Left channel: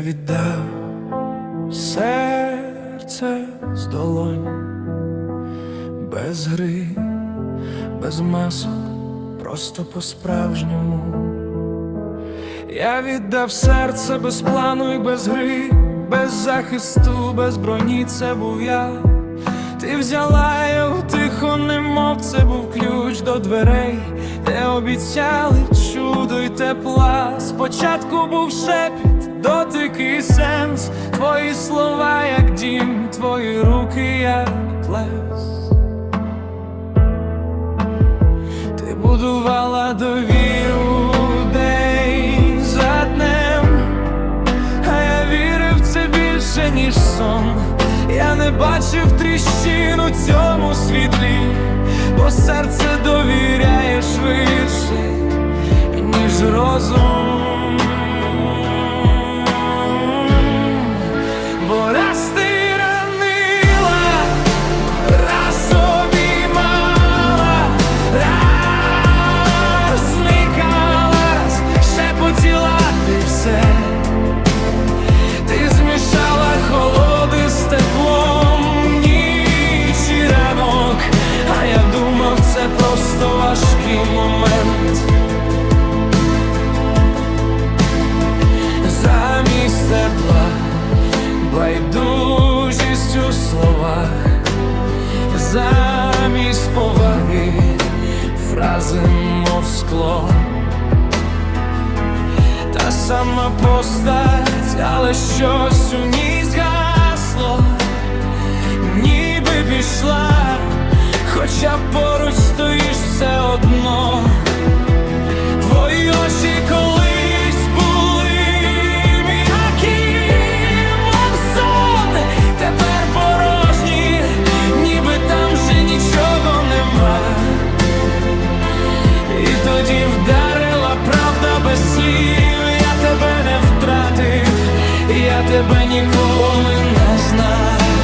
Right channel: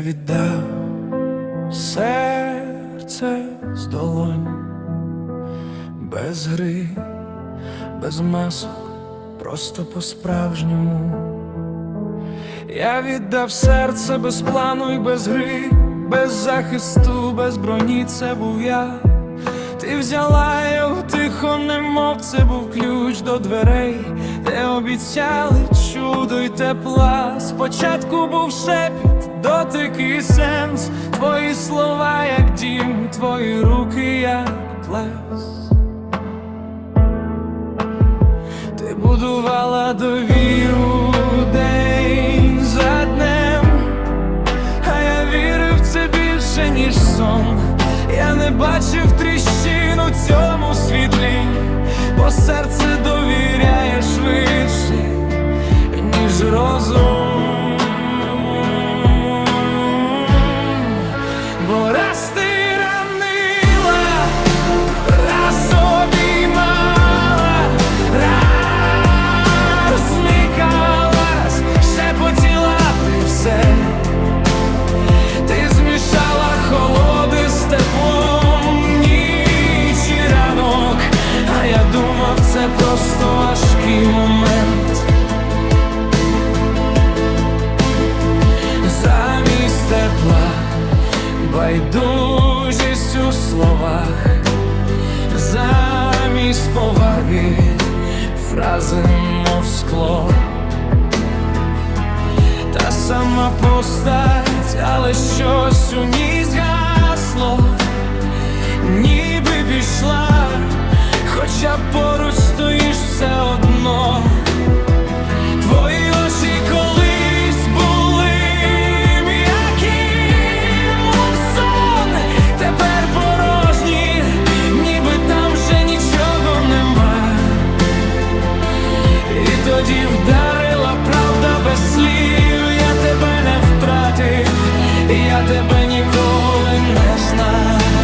віддав серце з долонь, без гри, без масок, просто по-справжньому. Я віддав серце без плану і без гри, без захисту, без броні, це був я. Ти взяла його тихо, немов це був ключ до дверей, де обіцяли чудо й тепла. Спочатку був шепіт, дотик і сенс, твої слова, як дім, твої руки, як плес. Ти будувала довіру день за днем, а я вірив це більше, ніж сон. Я не бачив тріщин у цьому світлі, бо серце довіряє швидше, ніж розум. Думав, це просто важкий момент. Замість тепла, байдужість у словах, замість поваги, фрази мов скло. Та сама постать, але щось у ній згасло, ніби пішла, хоча поруч стоїш все одно. Твої очі колись були м'які, мов тепер порожні, ніби там вже нічого нема. І тоді вдарила правда без слів, я тебе не втратив, я тебе ніколи не знав.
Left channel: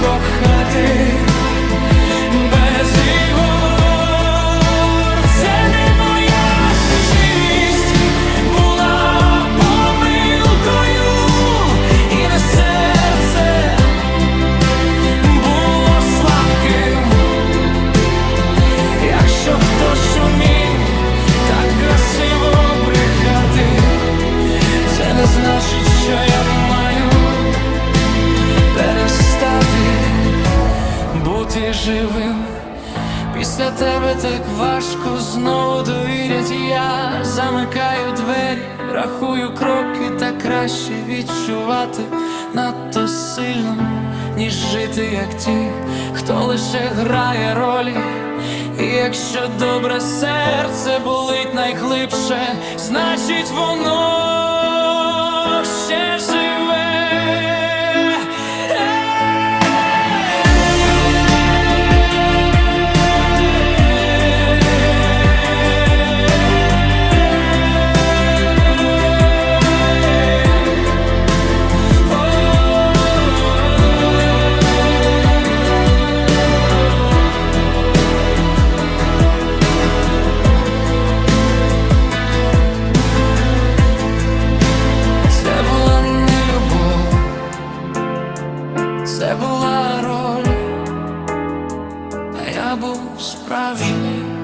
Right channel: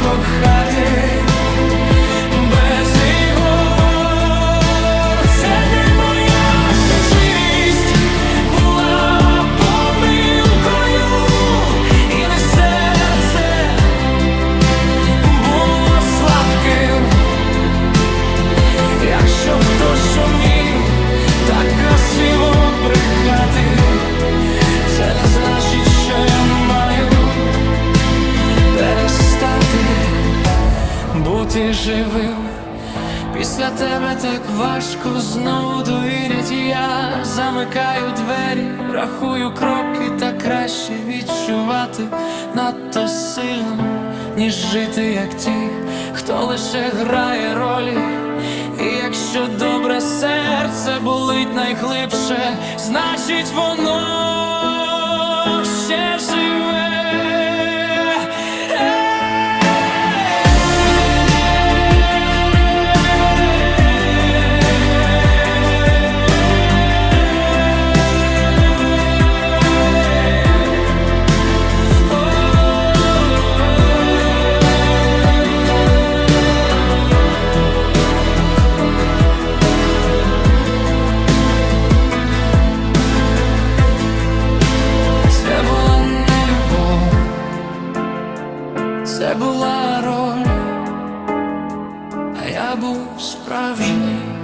Кохати без ігор. Це була помилкою, і серце було слабким. Якщо хтось умів так красиво брехати, це не значить, перестати бути живим. Після тебе так важко знову довірять, я замикаю двері, рахую кроки, та краще відчувати надто сильно, ніж жити, як ті, хто лише грає ролі. І якщо добре серце болить найглибше, значить воно ще живе. Це була роль, а я був справжній.